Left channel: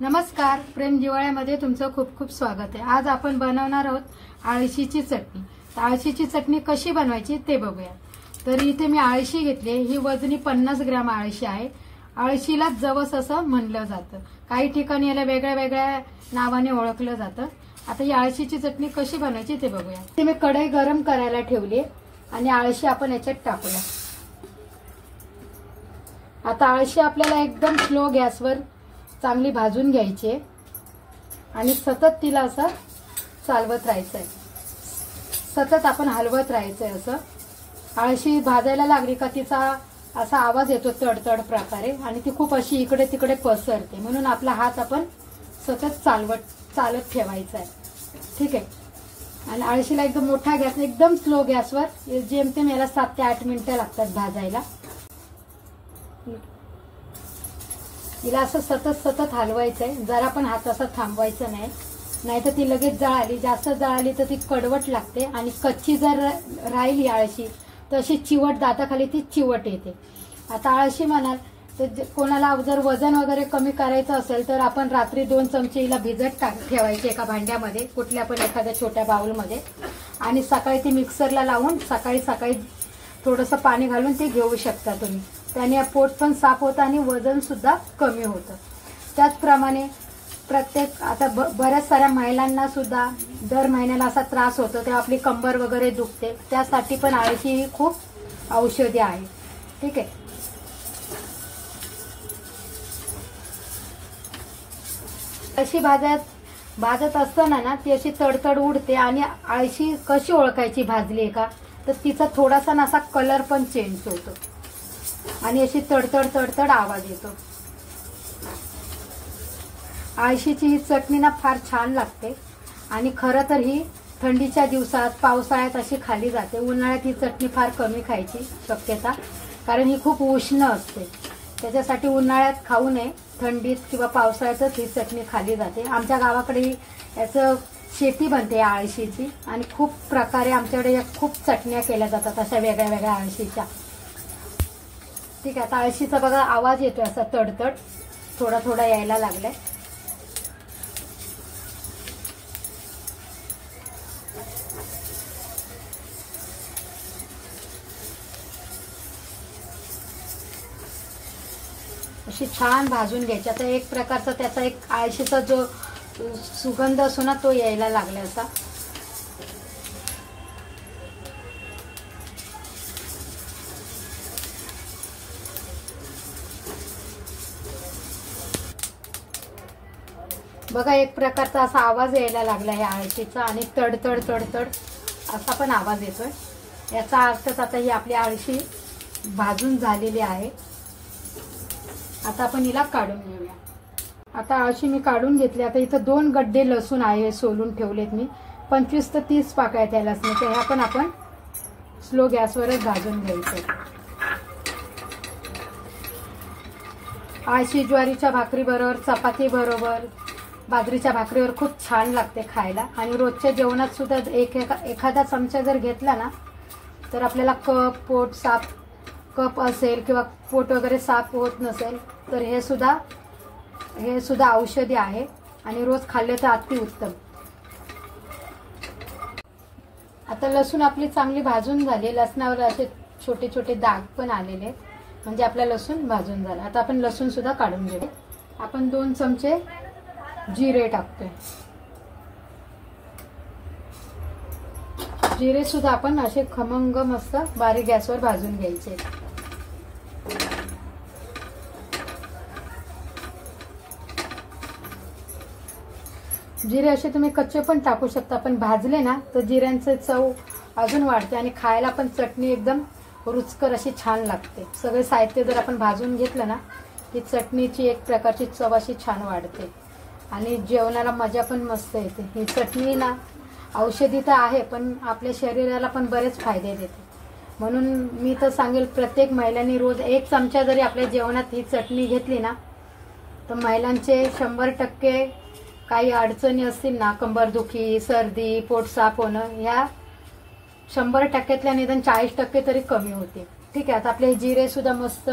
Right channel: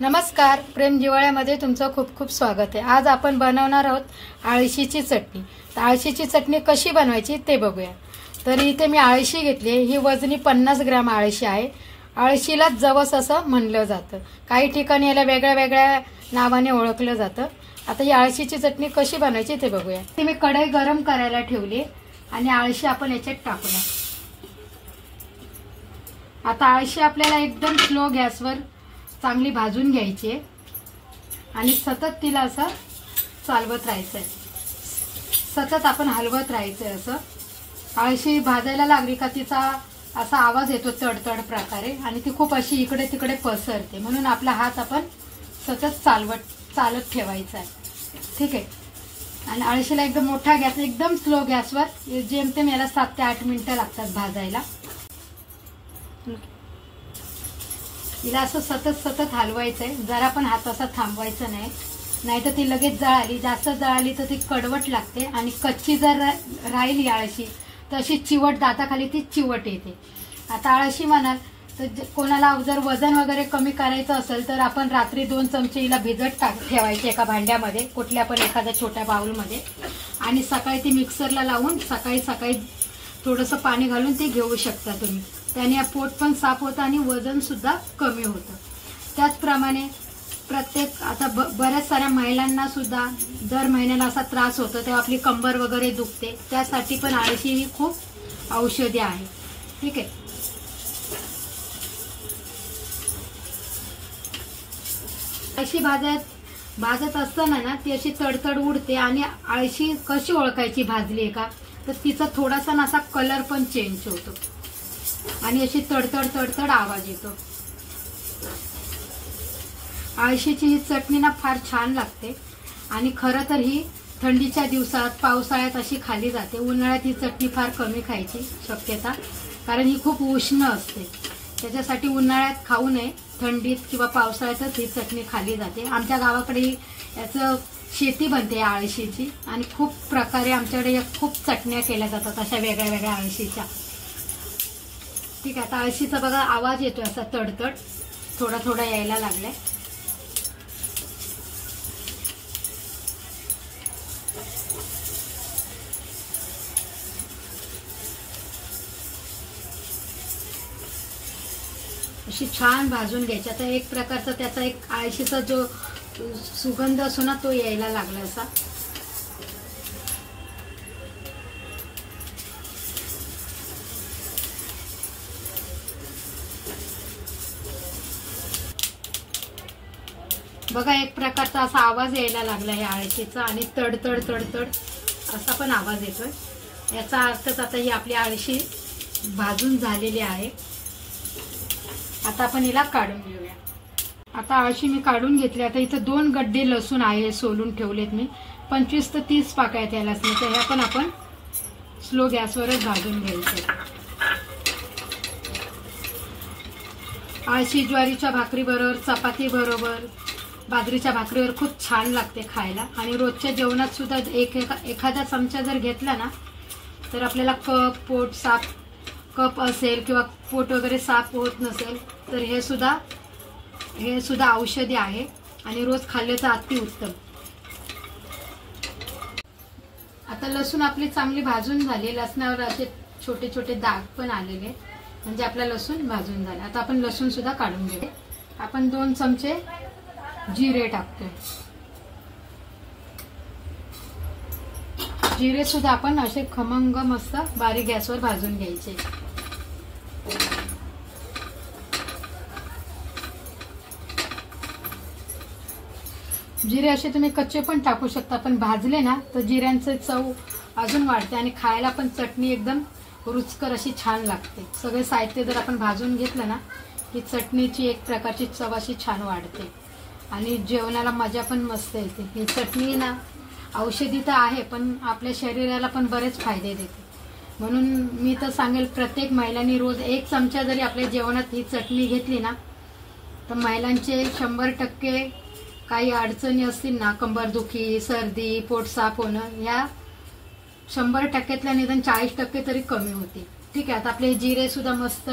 नमस्कार, प्रेम जिवाळ्यामध्ये तुमचं खूप खूप स्वागत आहे। आज आपण बनवणार आहोत आळशीची चटणी। तर आळशीची चटणी कशी बनवायची ते बघूया। तर इथे मी आळशी घेतली, ही वजनी 50 ग्रॅम आळशी आहे। आळशीला जवस असं म्हणलं जातं, काही ठिकाणी याला वेगळ्या वेगळ्या नावाने ओळखलं जातं। आता ही आळशीची चटणी कशी बनवायची ते बघूया। ती मी कढई गरम करायला ठेवली आणि आळशी आपण याच्यात टाकूया। आता आळशी आपल्याला एकदम स्लो गॅसवर चांगली भाजून घ्यायची आणि सतत तिला असं चालवत राहायचंय, सतत आपण हलवत राहायचंय। असं आळशी भाजायला लागली का तिचा असा आवाज येतो तडतड प्रकारे आणि ती खूप अशी इकडे तिकडे पसरते, म्हणून आपला हात आपण सतत चालत ठेवायचा आहे। ठीक आहे। आणि आळशीला एकदम मोठा गॅस, एकदम स्लो गॅसवर जेमतेम याला 7 ते 8 मिनिटं लागतात भाजायला। हिला असं सतत हलवायचंय, जरा पण हात असा थांबवायचा नाही, नाहीतर ती लगेच जळाली, जास्त जळाली तर ती कडवट लागते आणि कच्ची जर राहिली आळशी तर अशी चिवट, दाताखाली ती चिवट येते। आता आळशी म्हणाल तर कोणाला जर वजन वगैरे कमी करायचं असेल तर आपण रात्री 2 चमचे हिला भिजत ठेवायचे एका भांड्यामध्ये, कुठल्या पण एखाद्या छोट्या बाउलमध्ये, आणि सकाळी ती मिक्सरला लावून सकाळी थोडंसं पाणी घालून ती घेऊ शकता तुम्ही। त्याने पोट पण साफ होतं आणि वजन सुद्धा कमी होतं। त्याचप्रमाणे आता बऱ्याच साऱ्या महिलांना सुद्धा दर महिन्याला असा त्रास होतो, तेव्हा आपली कंबर वगैरे दुखते, त्यासाठी पण आळशी ही खूप औषधी आहे। ठीक आहे। आळशी भाजत असताना ना ती अशी तडतड उडते आणि आळशी कशी ओळखायची भाजली का, तर तिचा थोडासा असा कलर पण चेंज होतो आणि अशी तडतड आवाज येतो। आळशीची ही चटणी ना फार छान लागते आणि खरं तर ही थंडीच्या दिवसात, पावसाळ्यात अशी खाली जाते। उन्हाळ्यात ही चटणी फार कमी खायची शक्यता, कारण ही खूप उष्ण असते, त्याच्यासाठी उन्हाळ्यात खाऊ नये, थंडीत किंवा पावसाळ्यातच ही चटणी खाली जाते। आमच्या गावाकडे याचं शेती बनते आळशीची आणि खूप प्रकारे आमच्याकडे खूप चटण्या केल्या जातात अशा वेगळ्या वेगळ्या आळशीच्या। ठीक आहे। आता आळशीचा बघा आवाज येतोय असा तडतड, थोडा यायला लागलाय। अशी छान भाजून घ्यायची। आता एक प्रकारचा त्याचा एक आळशीचा जो सुगंध असतो ना तो यायला लागला असा। बघा एक प्रकारचा असा आवाज यायला लागला आहे आळशीचा आणि तडतड असा पण आवाज येतोय। याचा अर्थच आता ही आपली आळशी भाजून झालेली आहे। आता आपण हिला काढून घेऊया। आता आळशी मी काढून घेतली। आता इथं 2 गड्डे लसूण आहे, सोलून ठेवलेत मी, 25 ते 30 पाकळ्या त्या लसणाच्या, ह्या पण आपण स्लो गॅसवरच भाजून घ्यायचे। आळशी ज्वारीच्या भाकरी बरोबर, चपाती बरोबर, बाजरीच्या भाकरीवर खूप छान लागते खायला आणि रोजच्या जेवणात सुद्धा एखादा चमचा जर घेतला ना तर आपल्याला पोट साफ कप असेल किंवा पोट वगैरे साफ होत नसेल तर हे सुद्धा औषधी आहे आणि रोज खाल्ले तर अतिउत्तम। आता लसूण आपली चांगली भाजून झाली, लसणावर असे छोटे छोटे दाग पण आलेले, म्हणजे आपला लसूण भाजून झाला। आता आपण लसूण सुद्धा काढून घेऊ। आपण 2 चमचे जिरे टाकतोय। जिरे सुद्धा आपण असे खमंग मस्त बारीक गॅसवर भाजून घ्यायचे। जिरे असे तुम्ही कच्चे पण टाकू शकता, पण भाजले ना तर जिऱ्यांचं चव अजून वाढते आणि खायला पण चटणी एकदम रुचकर अशी छान लागते। सगळे साहित्य जर आपण भाजून घेतलं ना की चटणीची एक प्रकारची चव अशी छान वाढते आणि जेवणाला मजा पण मस्त येते। ही चटणी ना औषधी तर आहे पण आपल्या शरीराला पण बरेच फायदे देते, म्हणून मी तर सांगेल प्रत्येक महिलांनी रोज 1 चमचा जरी आपल्या जेवणात ही चटणी घेतली ना तर महिलांचे 100% काही अडचणी असतील ना, कंबरदुखी, सर्दी, पोट साफ होणं, या 100%तल्या निदान 40% तरी कमी होते। ठीक आहे। आता आपले जिरे सुद्धा मस्त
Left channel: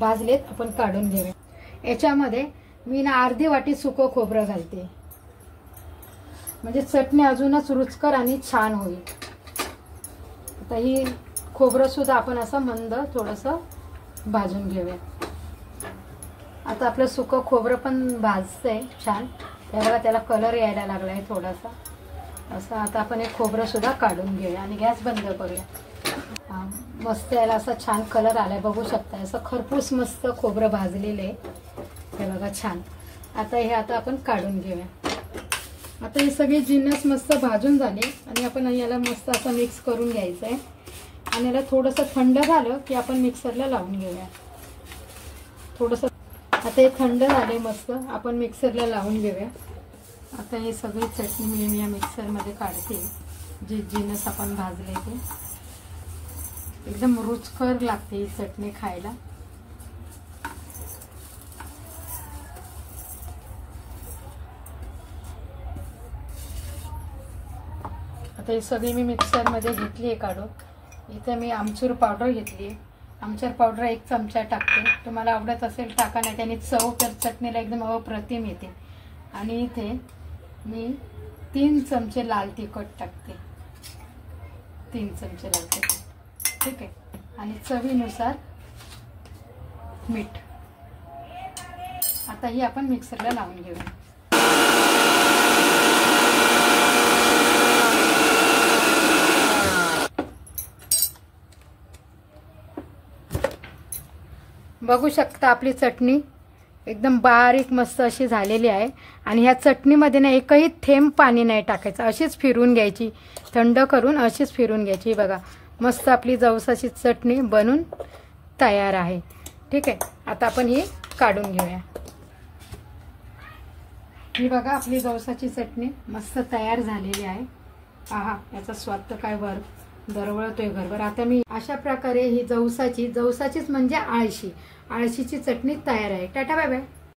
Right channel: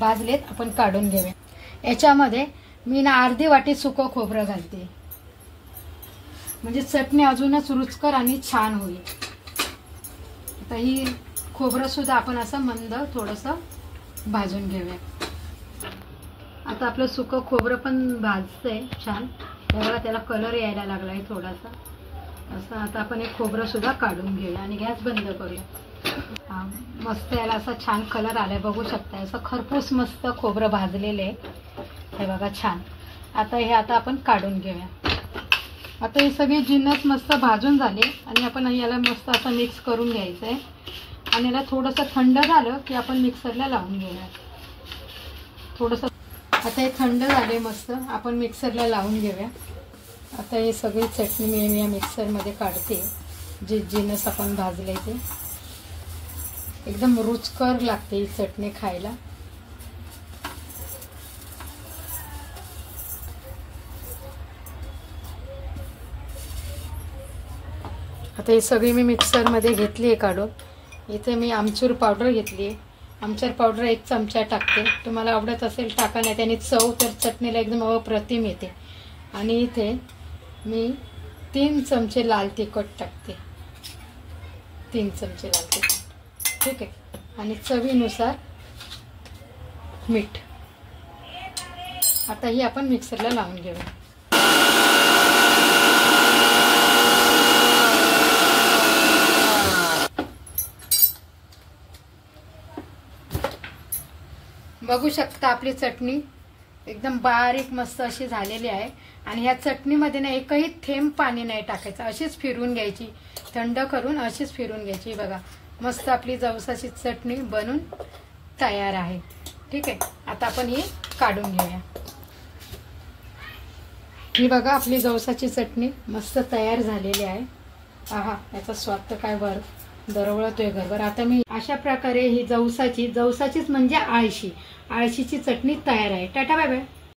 भाजलेत, आपण काढून घेऊया। याच्यामध्ये मी ना अर्धी वाटी सुकं खोबरं घालते, म्हणजे चटणी अजूनच रुचकर आणि छान होईल. आता ही खोबरं सुद्धा आपण असं मंद थोडंसं भाजून घेऊया. आता आपलं सुकं खोबरं पण भाजतंय छान, बघा त्याला कलर यायला लागलाय थोडासा असं. आता आपण हे खोबरं सुद्धा काढून घेऊया आणि गॅस बंद करूया. मस्त याला असा छान कलर आलाय, बघू शकता. असं खरपूस मस्त खोबरं भाजलेलं आहे हे बघा छान. आता आपण काढून घेऊया. आता हे सगळे जिन्नस मस्त भाजून झाले आणि आपण याला मस्त असं मिक्स करून घ्यायचं आहे. आणि याला थोडंसं थंड झालं की आपण मिक्सरला लावून घेऊया थोडंसं. आता हे थंड झाले मस्त, आपण मिक्सरला लावून घेऊया. आता हे सगळी चटणी मी या मिक्सरमध्ये काढते. जे जिन्नस आपण भाजले ते एकदम रुचकर लागते ही चटणी खायला. आता ही सगळी मी मिक्सरमध्ये घेतली आहे काढून. इथे मी आमचूर पावडर घेतली आहे. आमचूर पावडर 1 चमचा टाकते, तुम्हाला आवडत असेल टाका, नाही त्याने चव तर चटणीला एकदम अप्रतिम येते. आणि इथे मी 3 चमचे लाल तिखट टाकते, 3 चमचे लाल तिखट, ठीक आहे. आणि चवीनुसार मीठ. आता ही आपण मिक्सरला लावून घेऊया. बघू शकता आपली चटणी एकदम बारीक मस्त अशी झालेली आहे. आणि ह्या चटणीमध्ये ना एकही थेंब पाणी नाही टाकायचं, अशीच फिरवून घ्यायची, थंड करून अशीच फिरवून घ्यायची. बघा मस्त आपली जवसाची चटणी बनून तयार आहे, ठीक आहे. आता आपण ही काढून घेऊया. ही बघा आपली जवसाची चटणी मस्त तयार झालेली आहे. आहा, याचा स्वाद तर काय दरवळतोय घरभर. आता मी अशा प्रकारे ही जवसाचीच म्हणजे आळशीची चटणी तयार आहे. Tata bye bye.